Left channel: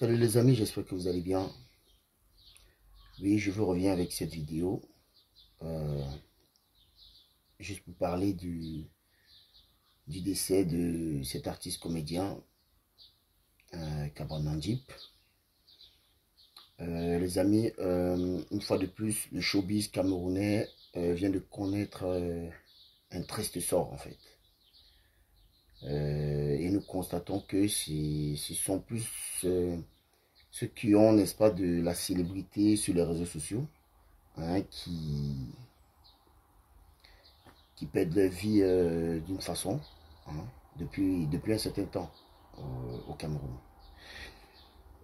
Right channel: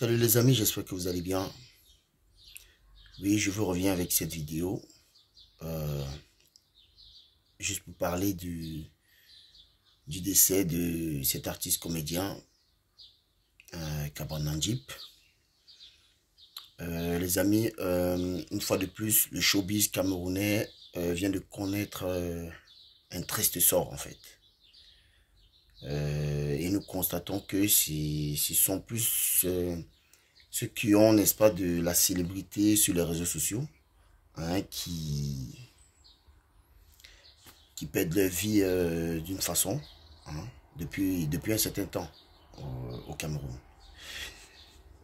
Salut les amis, j'espère que vous allez bien. Oui, je vous reviens avec cette vidéo. euh, Juste pour parler du décès de cet artiste comédien, Kabran Nandjip. Les amis, une fois de plus, le showbiz camerounais vient de connaître un triste sort en fait. Et nous constatons que ce sont plus ceux qui ont, n'est-ce pas, de la célébrité sur les réseaux sociaux, hein, qui perdent leur vie d'une façon, hein, depuis un certain temps au Cameroun.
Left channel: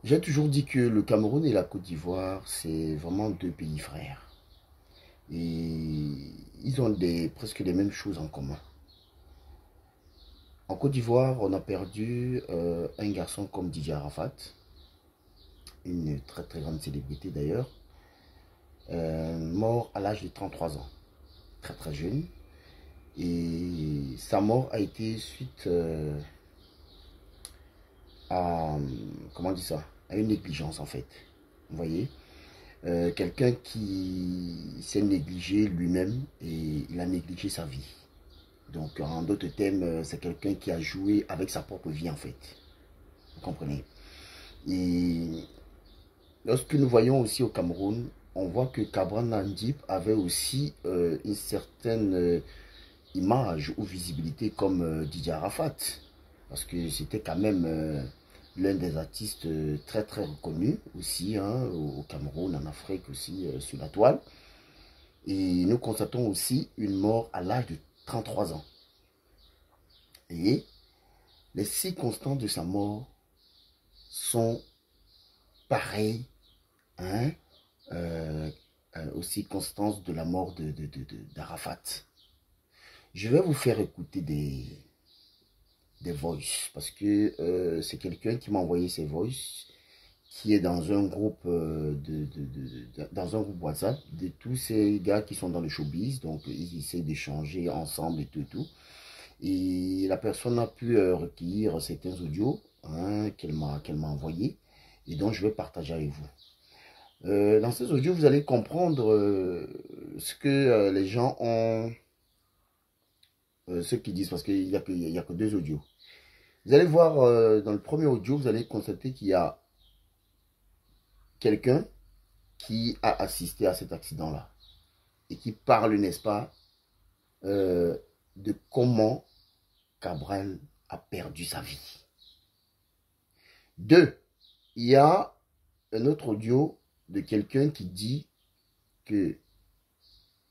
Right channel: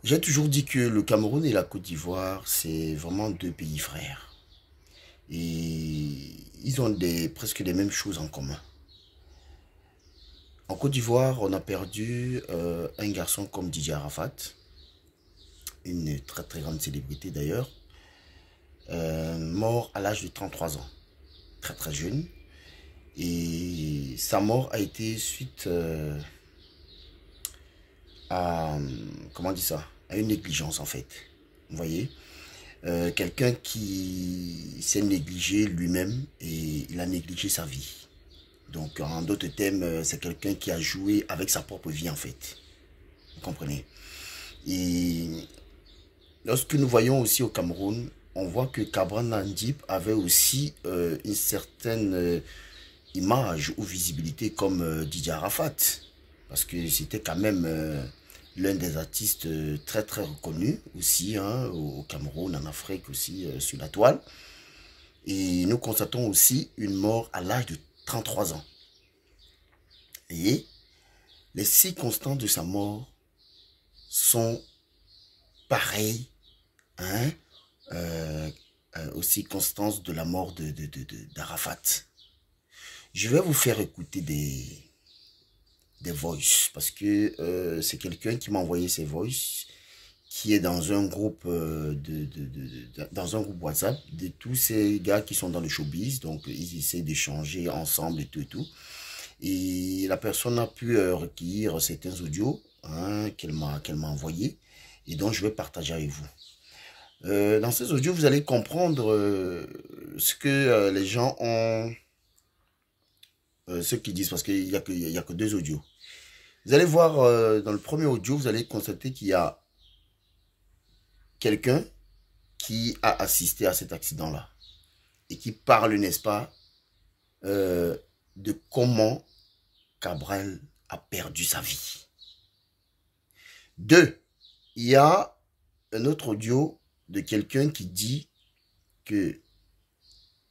J'ai toujours dit que le Cameroun et la Côte d'Ivoire, c'est vraiment deux pays frères. Et ils ont presque les mêmes choses en commun. En Côte d'Ivoire, on a perdu un garçon comme Didier Arafat, une très très grande célébrité d'ailleurs, mort à l'âge de 33 ans, très très jeune. Et sa mort a été suite à, comment on dit ça, à une négligence en fait. Vous voyez, quelqu'un qui s'est négligé lui-même et il a négligé sa vie. Donc en d'autres termes, c'est quelqu'un qui a joué avec sa propre vie en fait. Vous comprenez? Et lorsque nous voyons aussi au Cameroun, on voit que Kabran Nandjip avait aussi une certaine image ou visibilité comme Didier Arafat. Parce que c'était quand même l'un des artistes très très reconnus aussi, hein, au Cameroun, en Afrique aussi, sur la toile. Et nous constatons aussi une mort à l'âge de 33 ans. Et les circonstances de sa mort sont pareilles, hein, aux circonstances de la mort d'Arafat. Je vais vous faire écouter des voices parce que c'est quelqu'un qui m'a envoyé ces voices, qui est dans un groupe dans un groupe WhatsApp de tous ces gars qui sont dans le showbiz. Donc ils essaient d'échanger ensemble et tout et tout. Et la personne a pu recueillir certains audios, hein, qu'elle m'a envoyé, et donc je vais partager avec vous. Dans ces audios, vous allez comprendre ce que les gens ont, ce qu'ils disent, parce qu'il n'y a que deux audios. Vous allez voir dans le premier audio, vous allez constater qu'il y a quelqu'un qui a assisté à cet accident-là et qui parle, n'est-ce pas, de comment Cabral a perdu sa vie. Deux, il y a un autre audio de quelqu'un qui dit que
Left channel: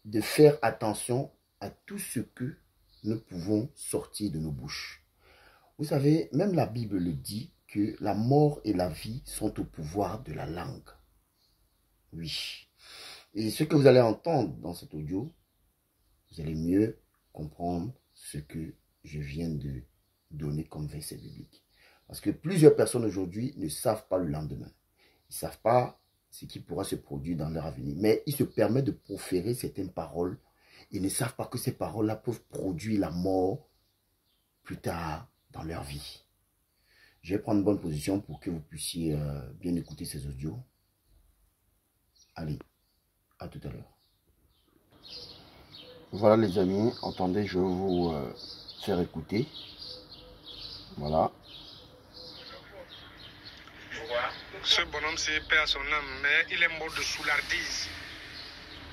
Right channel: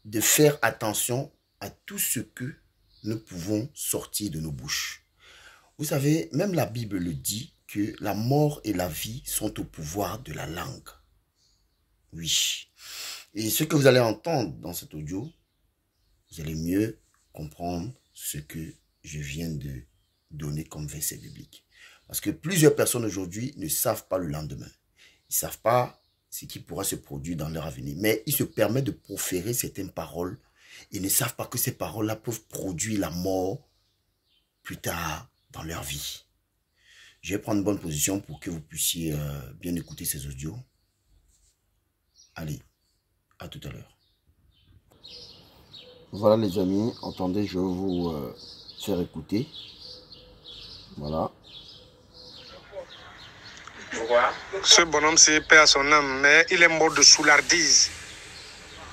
de faire attention à tout ce que nous pouvons sortir de nos bouches. Vous savez, même la Bible le dit, que la mort et la vie sont au pouvoir de la langue. Oui. Et ce que vous allez entendre dans cet audio, vous allez mieux comprendre ce que je viens de donner comme verset biblique. Parce que plusieurs personnes aujourd'hui ne savent pas le lendemain. Ils ne savent pas ce qui pourra se produire dans leur avenir. Mais ils se permettent de proférer certaines paroles. Ils ne savent pas que ces paroles-là peuvent produire la mort plus tard dans leur vie. Je vais prendre une bonne position pour que vous puissiez bien écouter ces audios. Allez, à tout à l'heure. Voilà les amis, entendez, je vais vous faire écouter. Voilà. Ce bonhomme, c'est paix à son âme, mais il est mort de soulardise.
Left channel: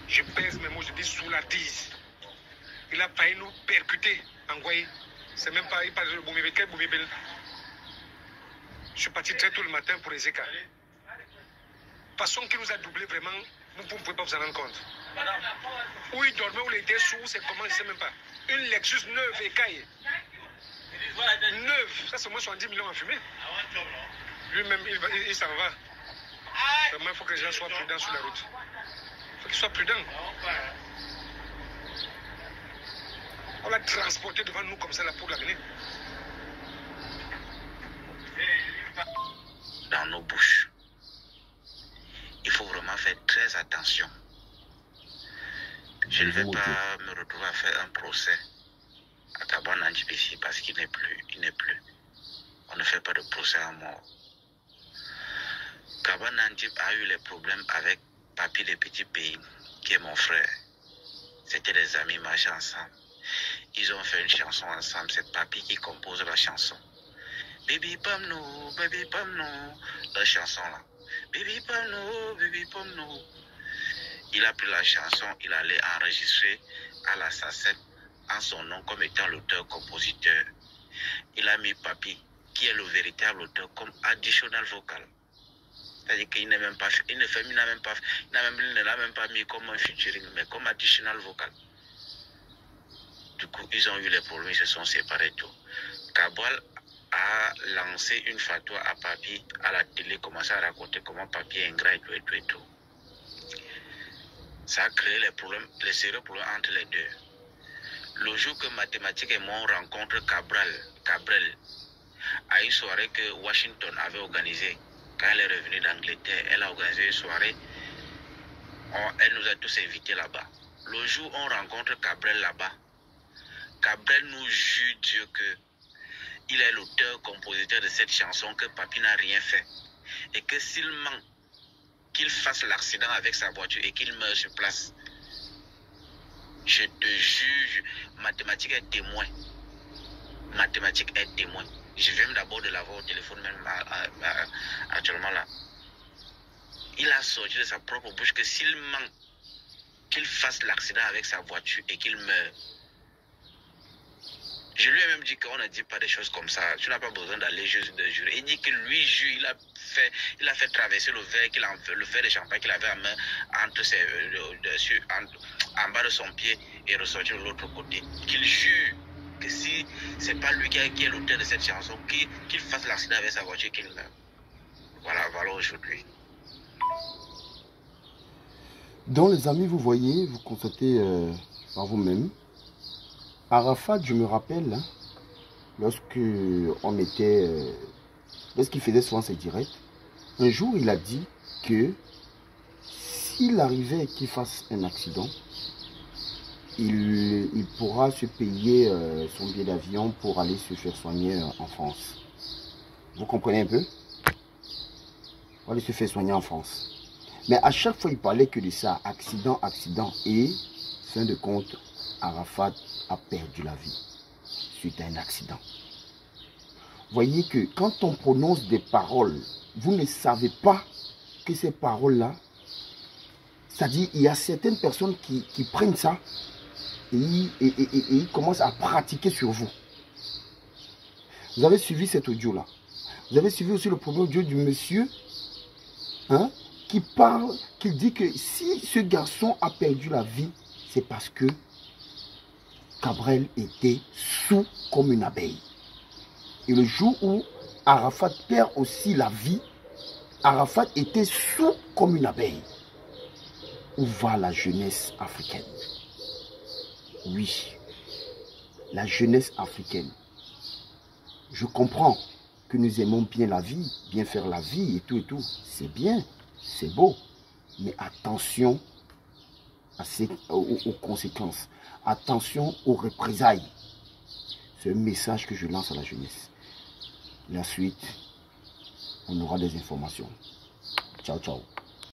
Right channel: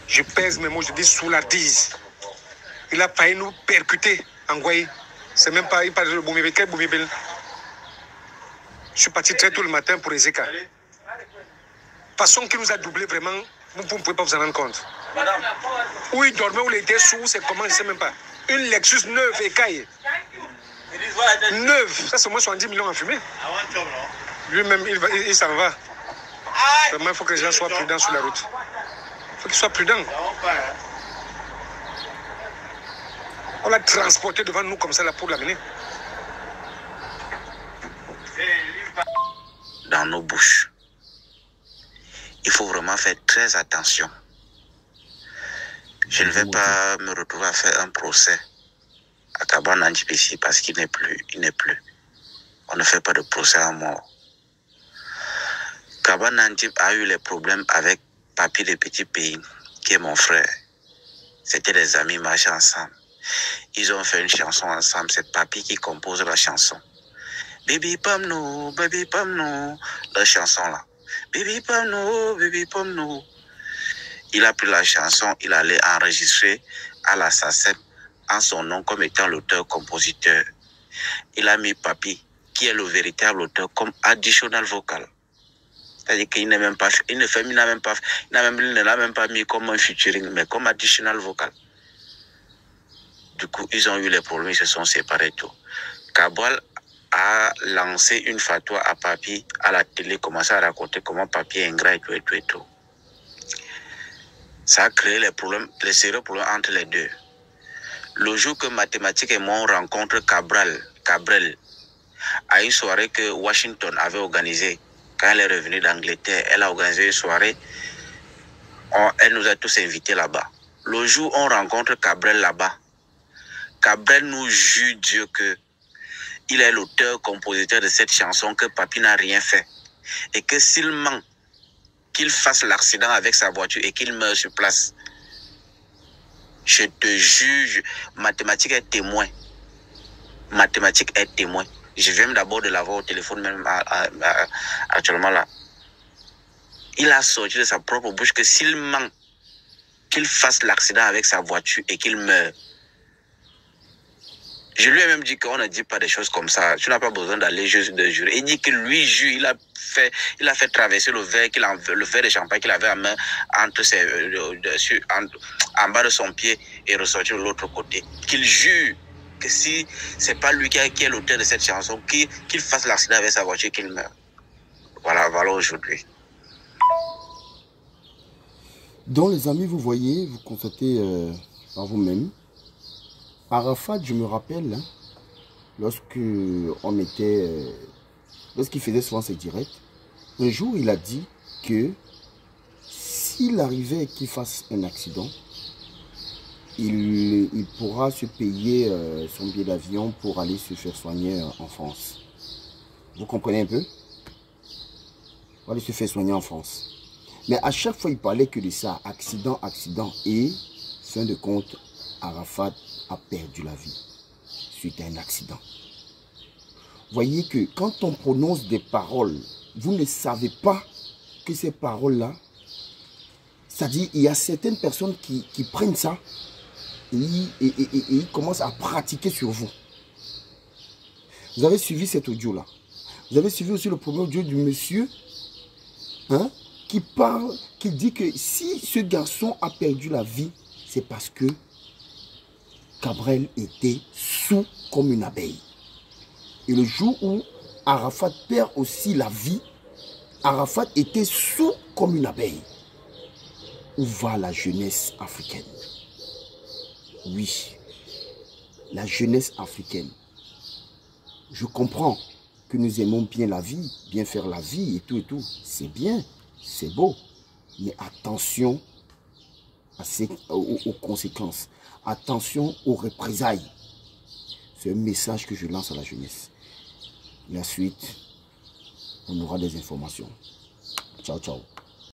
Je pèse mes mots, je dis soulardise. Il a failli nous percuter en Guaï. C'est même pas, il parle de Boumibel. Quel Boumibel? Je suis parti très tôt le matin pour Ezeka. Façon qu'il nous a doublé vraiment, vous ne pouvez pas vous en rendre compte. Où il dormait, où il était sous, c'est comment, je ne sais même pas. Une Lexus neuve écaille. Neuve, ça c'est moins 70 millions en fumée. Lui-même, il s'en va. Vraiment, il faut que les gens soient prudents sur la route. Il faut qu'ils soient prudents. On l'a transporté devant nous comme ça là pour l'amener. Dans nos bouches. Il faut vraiment faire très attention. Je ne vais pas me retrouver à faire un procès à Kabran Nandjip ici parce qu'il n'est plus. Il n'est plus. On ne fait pas de procès à mort. Kaba Nantip a eu les problèmes avec Papi de Petit Pays, qui est mon frère. C'était des amis, marchaient ensemble. Ils ont fait une chanson ensemble. C'est Papi qui compose la chanson. Baby Pam no, la chanson là. Baby Pam no. Il a pris la chanson, il allait enregistrer à la SACEM en son nom comme étant l'auteur-compositeur. Il a mis Papi, qui est le véritable auteur, comme additional vocal. C'est-à-dire qu'il n'a même pas fait, il n'a même pas mis comme un featuring, mais comme additional vocal. Du coup, ils ont eu les problèmes, ils se sont séparés tout. Cabral a lancé une fatwa à Papi à la télé, commencé à raconter comment Papi est ingrat et tout. Ça a créé les problèmes, les sérieux problèmes entre les deux. Le jour que Mathématiques et moi on rencontre Cabrel, à une soirée que Washington avait organisée, quand elle est revenue d'Angleterre, elle a organisé une soirée, elle nous a tous invités là-bas. Le jour où on rencontre Cabrel là-bas, Cabrel nous jure Dieu que il est l'auteur-compositeur de cette chanson, que Papi n'a rien fait. Et que s'il ment, qu'il fasse l'accident avec sa voiture et qu'il meure sur place. Je te juge, Mathématiques est témoin. Mathématiques est témoin. Je viens d'abord de l'avoir au téléphone, même actuellement là. Il a sorti de sa propre bouche que s'il ment, qu'il fasse l'accident avec sa voiture et qu'il meure. Je lui ai même dit qu'on ne dit pas des choses comme ça. Tu n'as pas besoin d'aller juste de jurer. Il dit que lui jure, il a fait traverser le verre de champagne qu'il avait en main en bas de son pied et ressortir de l'autre côté. Qu'il jure que si c'est pas lui qui est l'auteur de cette chanson, qu'il fasse l'accident avec sa voiture et qu'il meure. Voilà aujourd'hui. Donc les amis, vous voyez, vous constatez par vous-même. Arafat, je me rappelle, hein, lorsqu'il faisait souvent ses directs, un jour il a dit que s'il arrivait qu'il fasse un accident, il pourra se payer son billet d'avion pour aller se faire soigner en France. Vous comprenez un peu? Pour aller se faire soigner en France. Mais à chaque fois, il parlait que de ça, accident, et fin de compte, Arafat a perdu la vie suite à un accident. Voyez que quand on prononce des paroles, vous ne savez pas que ces paroles-là, c'est-à-dire il y a certaines personnes qui prennent ça et ils commencent à pratiquer sur vous. Vous avez suivi cet audio-là. Vous avez suivi aussi le premier audio du monsieur qui parle, qui dit que si ce garçon a perdu la vie, c'est parce que Cabrel était sous comme une abeille. Et le jour où Arafat perd aussi la vie, Arafat était sous comme une abeille. Où va la jeunesse africaine? Oui, la jeunesse africaine. Je comprends que nous aimons bien la vie, bien faire la vie et tout. C'est bien, c'est beau. Mais attention aux conséquences. Attention aux représailles. C'est un message que je lance à la jeunesse. La suite, on aura des informations. Ciao, ciao.